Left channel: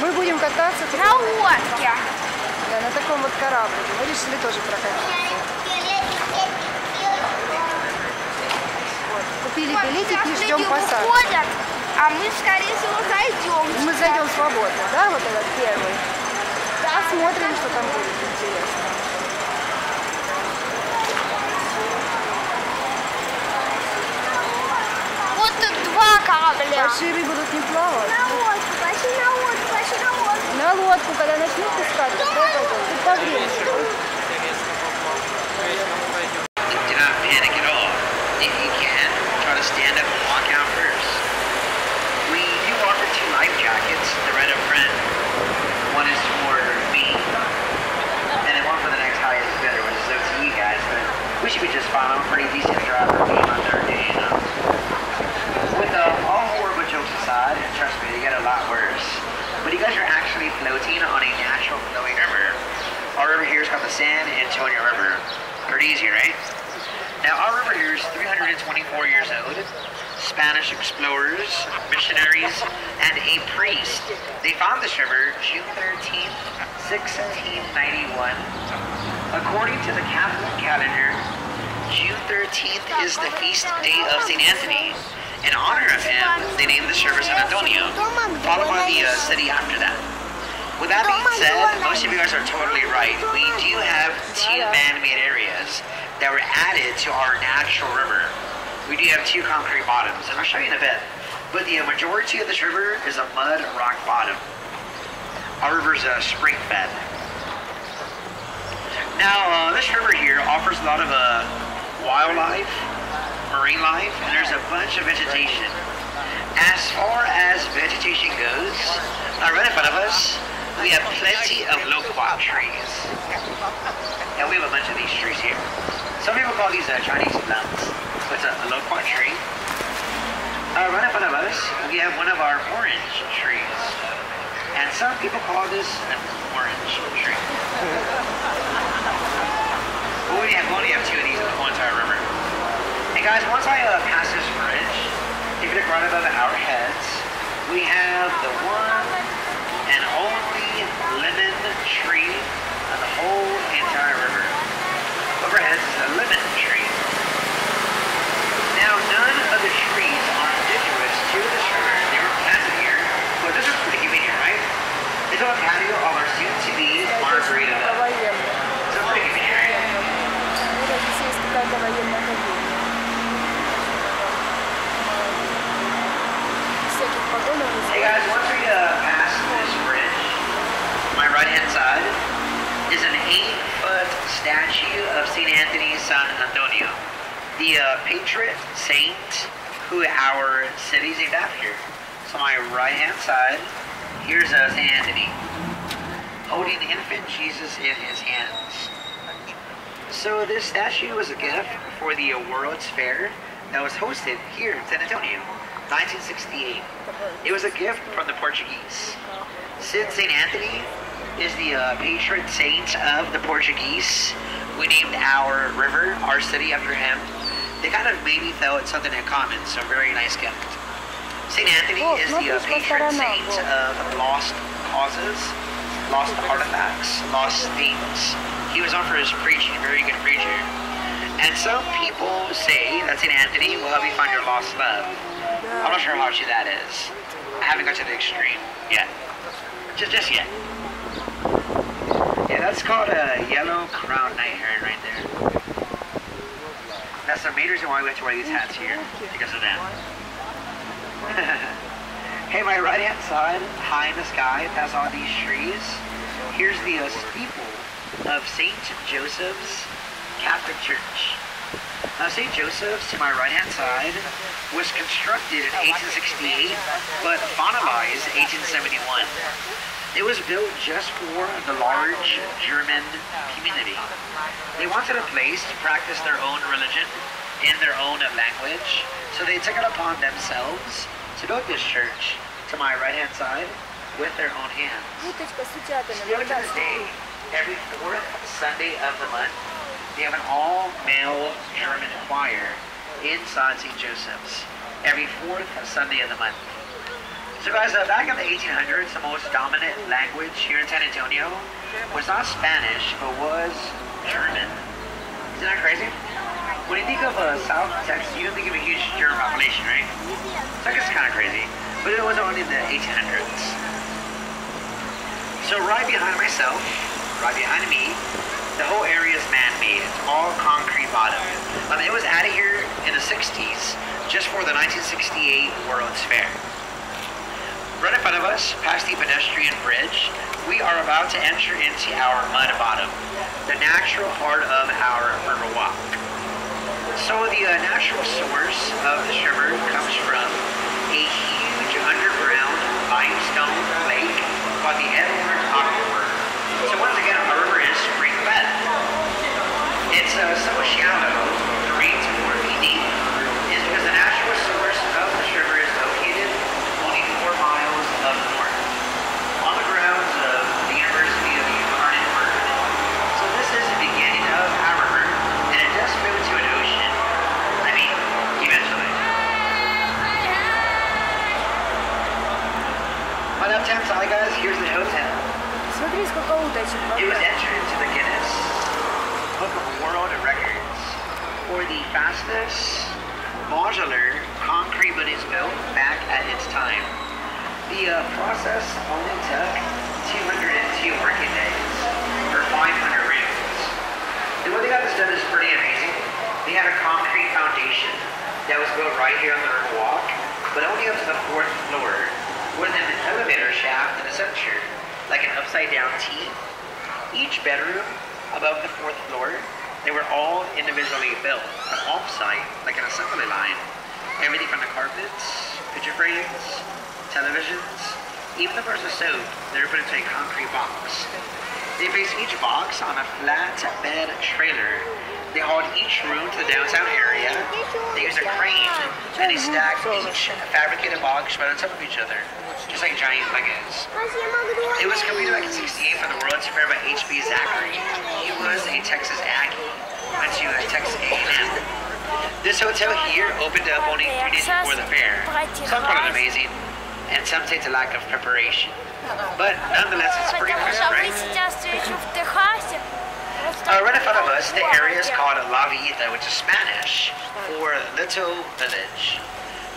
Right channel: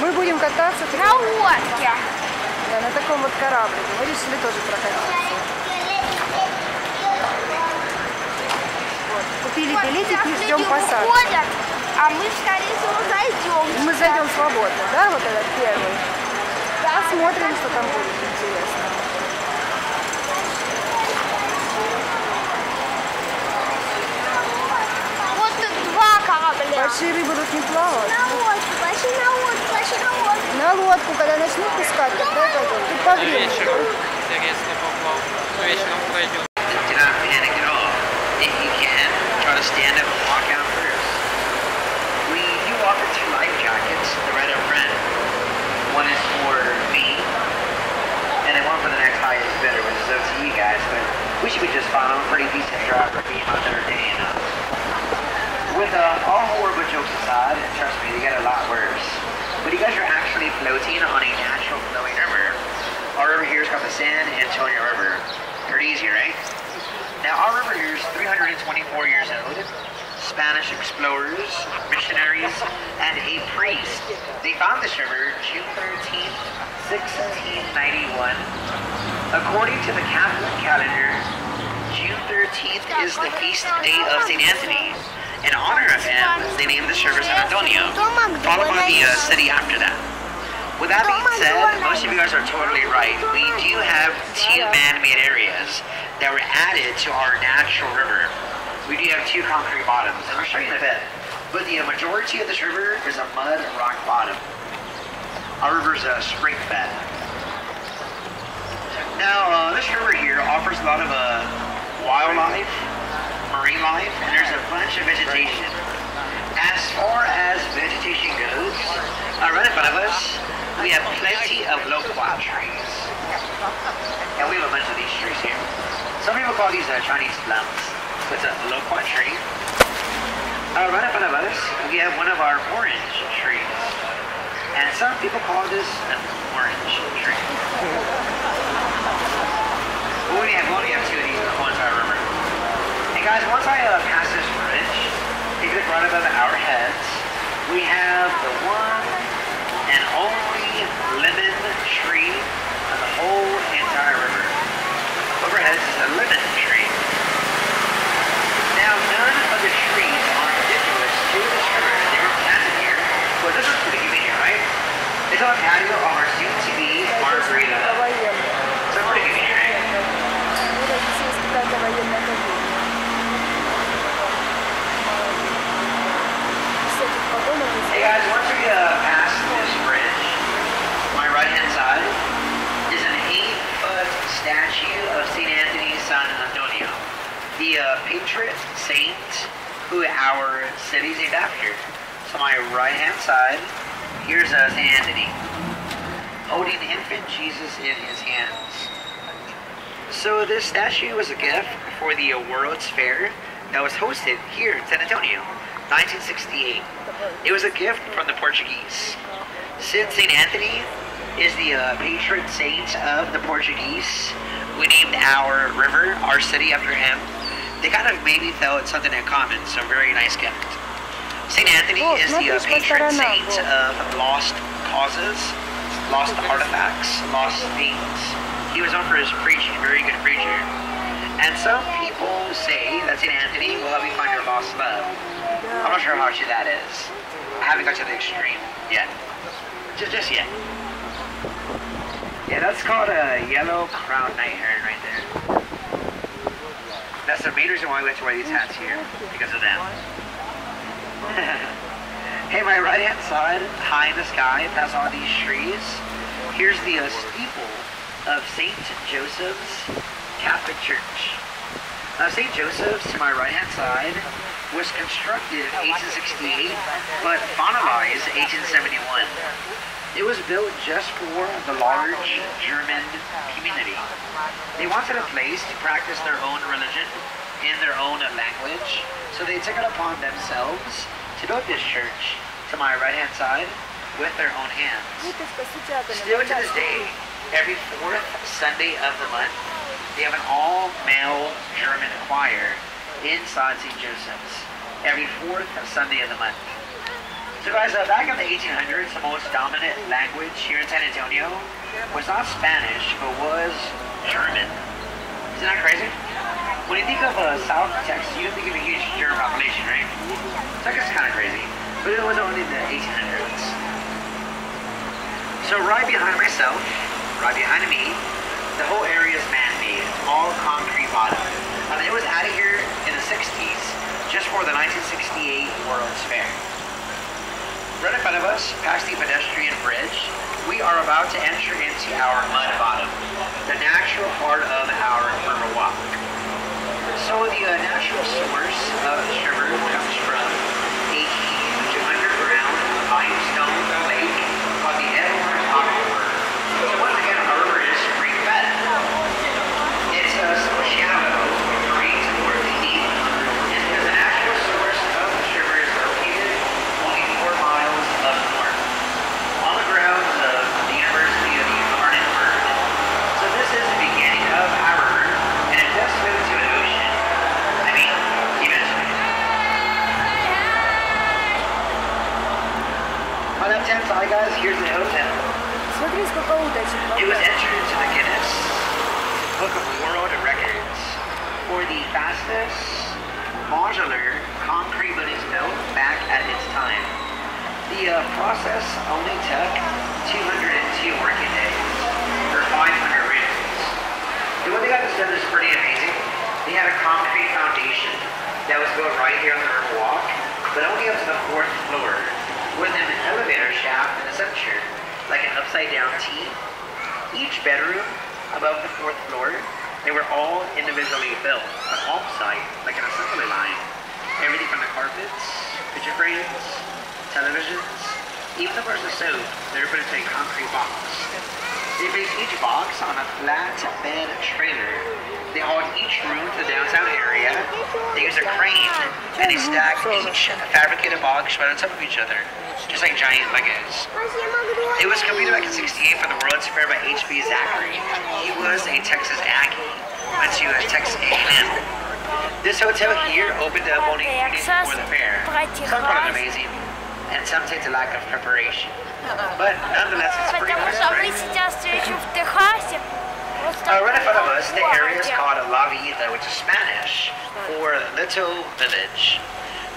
Мы будем кататься на лодке. Да, на таком вот кораблике. Мы решили тоже прокатиться. Вот. Купили билетики и ждем посадки. Уходят, а мы, скорее всего, зайдем. Мы зайдем свободно, да, вот этот первый. Посмотрим, что там будет интересно. Вот тут два корабля. Большие рыбы тут не плавают. На лодку, пошли на лодку, пошли на лодку. На лодку, когда начнут пускать, тогда пойдем. Тут по времени. Stand up and walk out first. We do offer 2 life jackets, the red up front. One is for me, and then one for the next highest bidder, which is up to you guys, but we should be just fine. I'm a pretty decent driver being my 3rd day, you know. With all horrible jokes aside, and trust me, they get a lot worse, but you guys are actually floating on a natural flowing river. Our river here is called the San-Antonio River. Pretty easy, right? Now, our river here is 324 years old. Spanish explorers, missionaries, and a priest. They found this river June 13th, 1691. According to the Catholic calendar, June 13th is the feast day of St. Anthony. In honor of him, they named this river San-Антонио, followed by the city after that. With that being said, most of you guys are totally right. We do have 2 man-made areas that were added to our natural river. We do have 2 concrete bottoms, and I'll show you in a bit. But the majority of this river is a mud rock bottom. Our river is a spring fed. Now, this river here offers a lot of wildlife, marine life, and there's a bunch of vegetation. As far as vegetation goes, right in front of us, we have plenty of loquat trees. And we have a bunch of these trees here. Some people call these Chinese plums. It's a loquat tree. Right in front of us, we have one of our orange trees. And some people call this an orange tree. We only have 2 of these in the whole entire river. And guys, once I pass this bridge, if you look right above our heads, we have the one and only lemon tree on the whole entire river. Overhead is a lemon tree. Now, none of the trees are indigenous to this river. They were planted here, but this is pretty convenient, right? It's on patio of our soon-to-be margarita. So pretty convenient, right? Hey guys, once we pass this bridge, my right-hand side is an 8-foot statue of St. Anthony, San-Antonio, the patron saint who our city is named after. So my right-hand side, here's St. Anthony, holding infant Jesus in his hands. So this statue was a gift for the World's Fair that was hosted here in San Antonio. 1968. It was a gift from the Portuguese. Since St. Anthony is the patron saint of the Portuguese, we named our river, our city, after him. They kind of maybe felt something in common, so very nice gift. St. Anthony is the patron saint of lost causes, lost artifacts, lost things. He was known for his preaching, very good preacher. And some people say that St. Anthony will help you find your lost love. I'm not sure how true that is. I haven't got to the extreme yet. Just yet. Yeah, that's called a yellow crowned night heron right there. That's the main reason why we have to wear these hats here, because of them. Hey, my right hand side, high in the sky, past all these trees, here's the steeple of St. Joseph's Catholic Church. Now, St. Joseph's, to my right-hand side, was constructed in 1868, but finalized in 1871. It was built just for the large German community. They wanted a place to practice their own religion in their own language, so they took it upon themselves to build this church, to my right-hand side, with their own hands. Still to this day, every 4th Sunday of the month, they have an all-male German choir inside St. Joseph's every 4th Sunday of the month. So guys, back in the 1800s, the most dominant language here in San Antonio was not Spanish, but was German. Isn't that crazy? When you think of South Texas, you don't think of a huge German population, right? So I guess it's kind of crazy. But it was only in the 1800s. So right behind myself, right behind me, the whole area is man-made. It's all concrete bottom. It was out of here in the 60s, just for the 1968 World's Fair. Right in front of us, past the pedestrian bridge, we are about to enter into our mud bottom, the natural part of our river walk. So the natural source of this river comes from a huge underground limestone lake called the Edward Aquifer. So once again, our river is spring fed. It's so shallow, 3 to 4 feet deep, is because the natural source of this river is located only 4 miles up north, on the grounds of the University of the Incarnate Word. So this is the beginning of our river, and it does flow to an ocean. I mean, eventually. On the left-hand side, guys, here's the hotel. Смотри, сколько уточек. It was entered into the Guinness Book of World Records for the fastest modular concrete buildings built back at its time. The process only took 202 working days for 500 rooms. The way they got this done is pretty amazing. They had a concrete foundation that was built right here on the river walk, but only up to the 4th floor, with an elevator shaft in the center, like an upside-down T. Each bedroom above the 4th floor, they were all individually built, an off-site, like an assembly line. Everything from the carpets, picture frames, televisions, even the person stove, they were put into a concrete box. They placed each box on a flat bed trailer. They hauled each room to the downtown area. They used a crane, and they stacked each fabricated box right on top of each other, just like giant Legos. It was completed back in '68 for the World's Fair by H.B. Zachary. He was a Texas Aggie, went to Texas A&M. This hotel here opened up only days before the fair. Some thought it amazing, and some take a lack of preparation. But nonetheless, it's pretty Потому nice, что вы right? сейчас все еще в Техасе. Right in front of us, the area is called La Vida, which is Spanish for Little Village.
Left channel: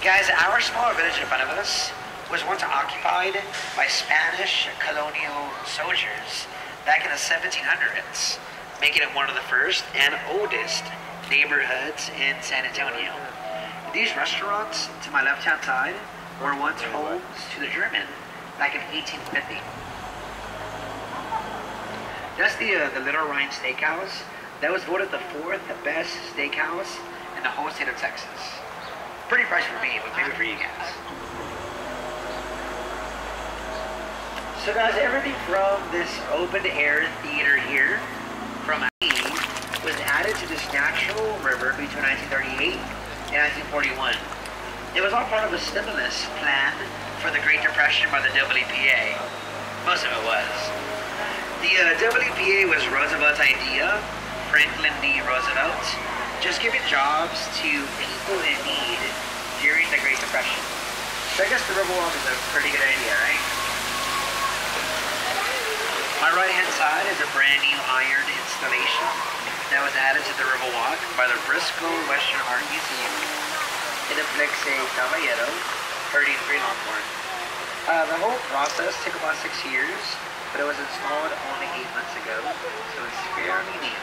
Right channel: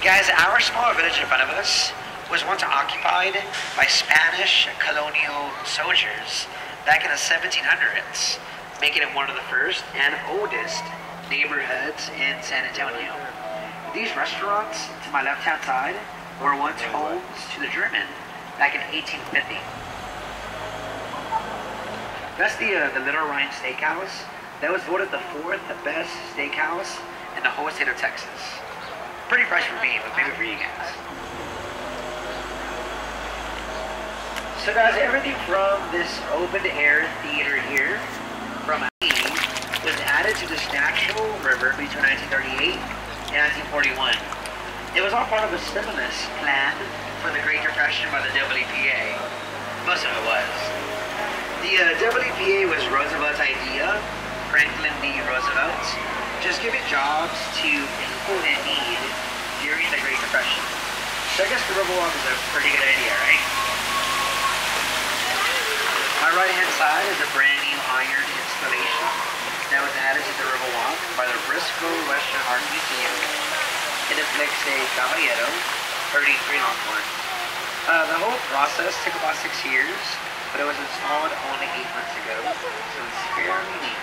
Guys, our small village in front of us was once occupied by Spanish colonial soldiers back in the 1700s, making it one of the first and oldest neighborhoods in San Antonio. These restaurants to my left-hand side were once homes to the German back in 1850. That's the Little Rhine Steakhouse. That was voted the 4th best steakhouse in the whole state of Texas. Pretty fresh for me, but maybe for you guys. So guys, everything from this open-air theater here, from was added to this natural river between 1938 and 1941. It was all part of a stimulus plan for the Great Depression by the WPA. Most of it was. The WPA was Roosevelt's idea, Franklin D. Roosevelt, just giving jobs to people in need during the Great Depression. So I guess the Riverwalk is a pretty good idea, right? My right-hand side is a brand new iron installation that was added to the Riverwalk by the Briscoe Western Art Museum. It depicts a caballero herding 3 longhorns. The whole process took about 6 years, but it was installed only 8 months ago, so it's fairly neat.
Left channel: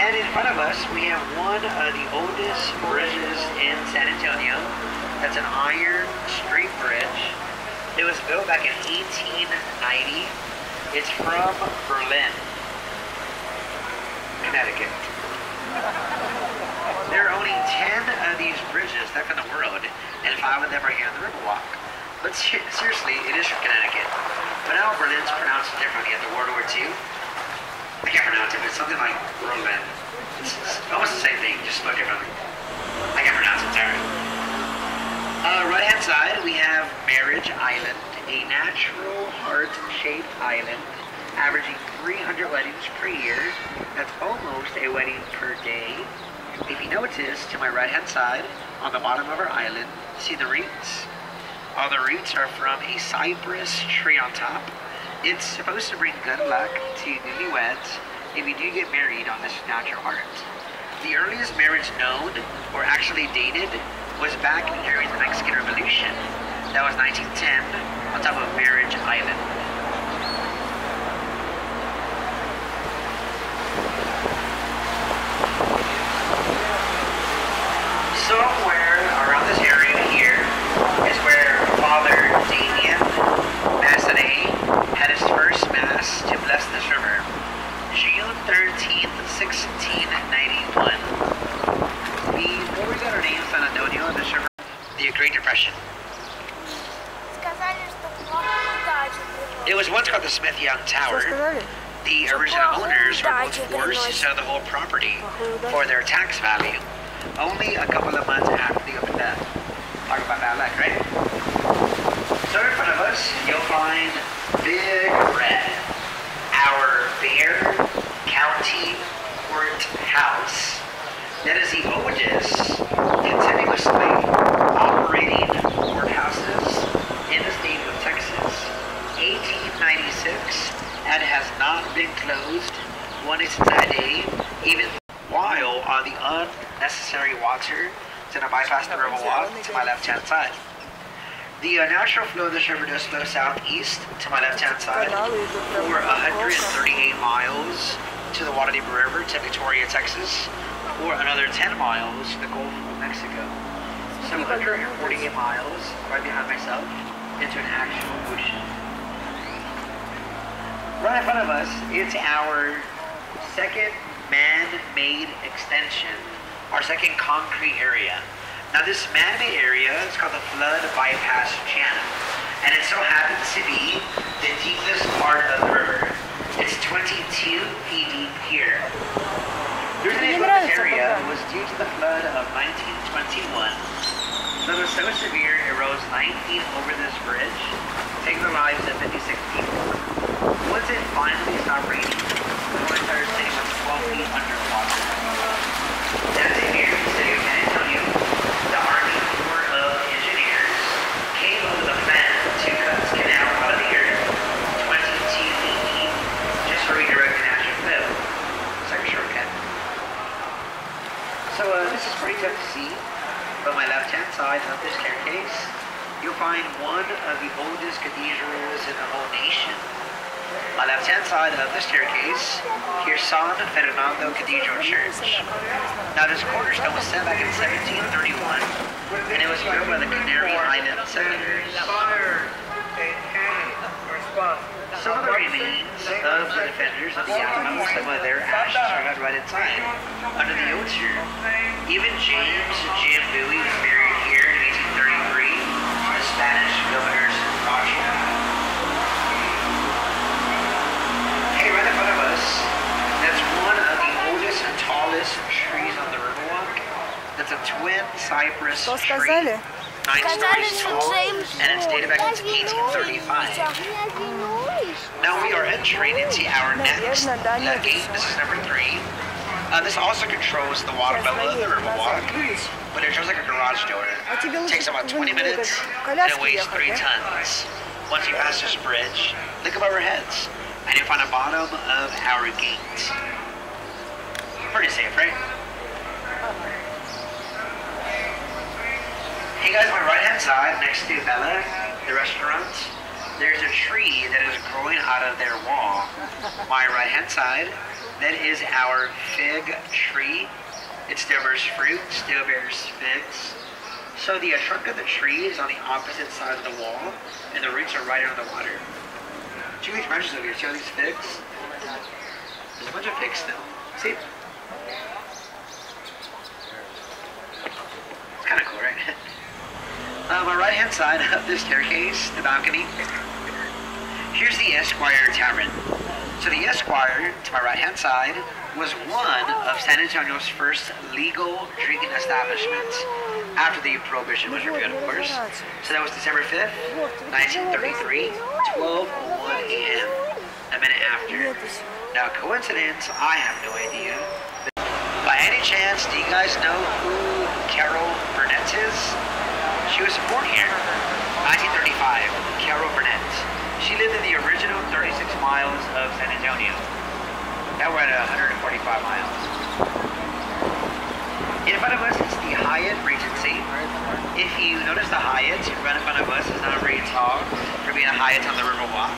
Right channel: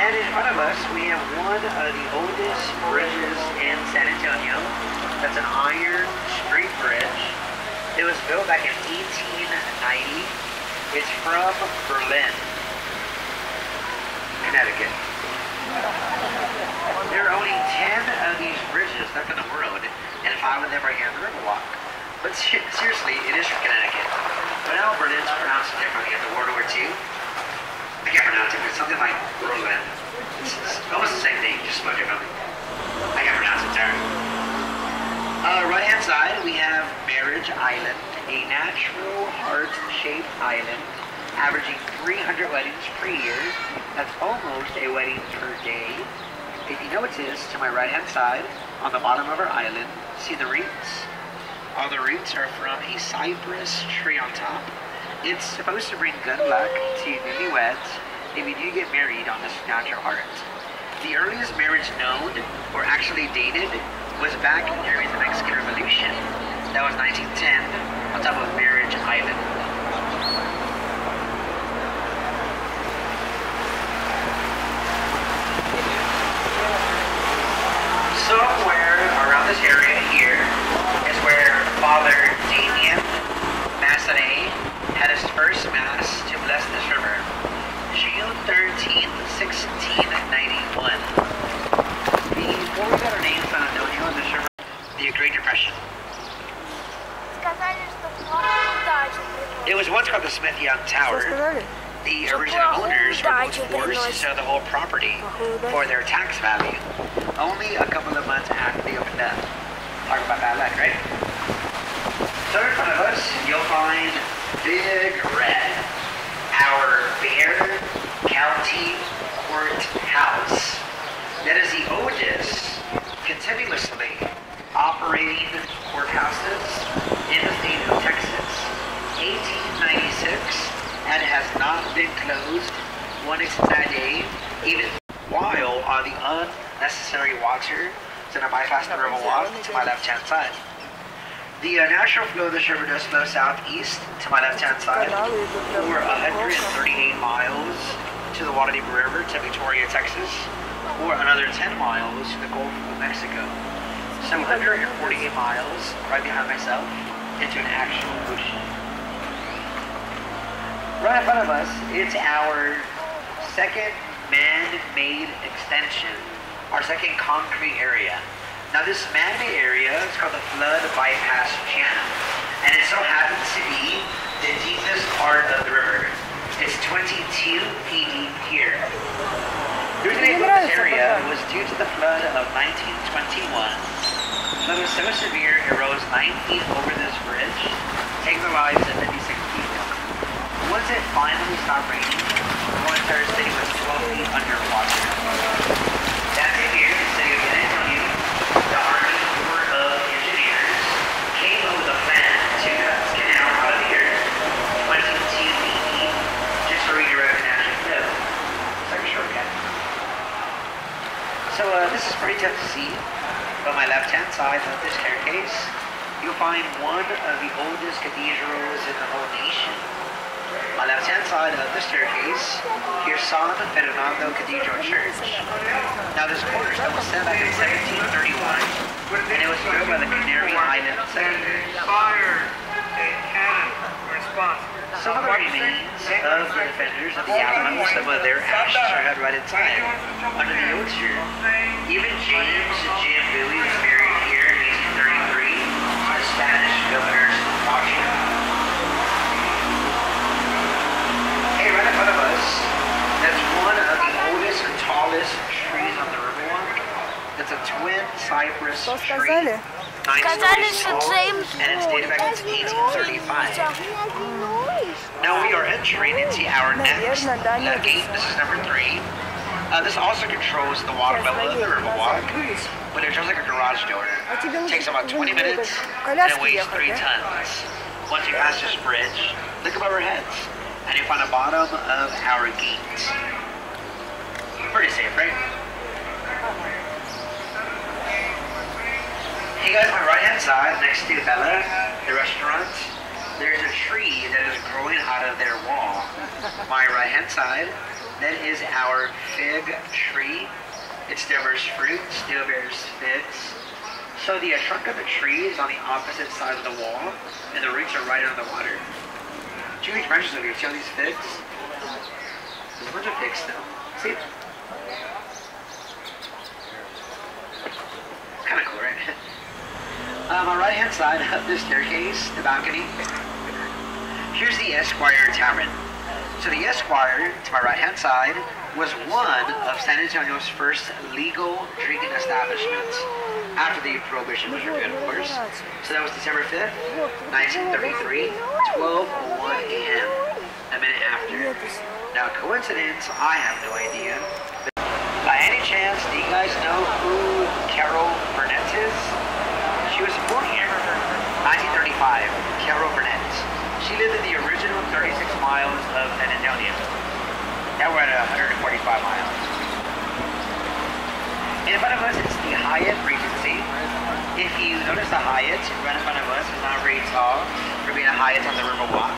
And in front of us, we have one of the oldest bridges in San Antonio. That's an iron street bridge. It was built back in 1890. It's from Berlin, Connecticut. There are only 10 of these bridges left in the world, and 5 of them are here on the Riverwalk. But seriously, it is from Connecticut. But now Berlin's pronounced differently after World War II. I can't pronounce it, but it's something like Berlin. It's almost the same thing, just spelled differently. I can't pronounce it, sorry. Right-hand side, we have Marriage Island, a natural heart-shaped island, averaging 300 weddings per year. That's almost a wedding per day. If you notice, to my right-hand side, on the bottom of our island, see the roots? All the roots are from a cypress tree on top. It's supposed to bring good luck to newlyweds if you do get married on this natural art. The earliest marriage known, or actually dated, was back during the Mexican Revolution. That was 1910, on top of Marriage Island. Somewhere around this area here is where Father Damien Massenet had his first mass to bless this river. June 13th, 1691. Before we got our name Сан-Антонио on this river, the Great Depression. It was once called the Smith Young Tower. The original owners were both forced to sell the whole property for their tax value. Only a couple of months after they opened up. Talk about bad luck, right? So in front of us, you'll find Big Red, our Bear County Courthouse. That is the oldest continuously operating courthouses in the state of Texas. 1896, and has not been closed one extra day, even while on the unnecessary water to the bypass the river walk to my left-hand side. The natural flow of this river does flow southeast to my left-hand side for 138 miles to the Guadalupe River to Victoria, Texas, or another 10 miles to the Gulf of Mexico. So 148 miles right behind myself into an actual ocean. Right in front of us, it's our second man-made extension, our second concrete area. Now this man-made area is called the Flood Bypass Channel, and it so happens to be the deepest part of the river. It's 22 feet deep here. The reason they built this area was due to the flood of 1921. The flood was so severe it rose 9 feet over this bridge, taking the lives of 56 people. Once it finally stopped raining, the whole entire city was 12 feet underwater. That's it here in the city of San-Антонио. The Army Corps of Engineers came up with a plan to cut this canal out of the earth 22 feet deep just to redirect the natural flow. It's like a shortcut. So this is pretty tough to see, but my left-hand side of this staircase, you'll find one of the oldest cathedrals in the whole nation. My left-hand side of the staircase, here's San Fernando Cathedral Church. Now this cornerstone was set back in 1731, and it was built by the Canary Island settlers. Some of the remains of the defenders of the island, some of their ashes are held right inside, under the altar. Even James Jim Bowie was buried here in 1833 to the Spanish governors of Washington. Right in front of us, that's one of the oldest and tallest trees on the Riverwalk. That's a twin cypress tree. 9 stories tall, and it's dated back to 1835. Now we are entering into our next gate. This is number 3. This also controls the water level of the Riverwalk, but it feels like a garage door. It takes about 20 minutes, and it weighs 3 tons. Once we pass this bridge, look above our heads. And you find the bottom of our gate. Pretty safe, right? Hey guys, on my right-hand side, next to Bella, the restaurant, there's a tree that is growing out of their wall. My right-hand side, that is our fig tree. It still bears fruit, still bears figs. So the trunk of the tree is on the opposite side of the wall, and the roots are right under the water. 2 huge branches over here. See all these figs? There's a bunch of figs still. See? It's kind of cool, right? On my right-hand side of this staircase, the balcony, here's the Esquire Tavern. So the Esquire, to my right-hand side, was one of San Antonio's first legal drinking establishments after the Prohibition was repealed, of course. So that was December 5th, 1933, 12:01 a.m., a minute after. Now, coincidence, I have no idea. But by any chance, do you guys know who Carol Burnett is? She was born here in 1935, Carol Burnett. She lived in the original 36 miles of San Antonio. Now we're at 145 miles. In front of us is the Hyatt Regency. If you notice the Hyatt right in front of us is not very tall for being a Hyatt on the Riverwalk.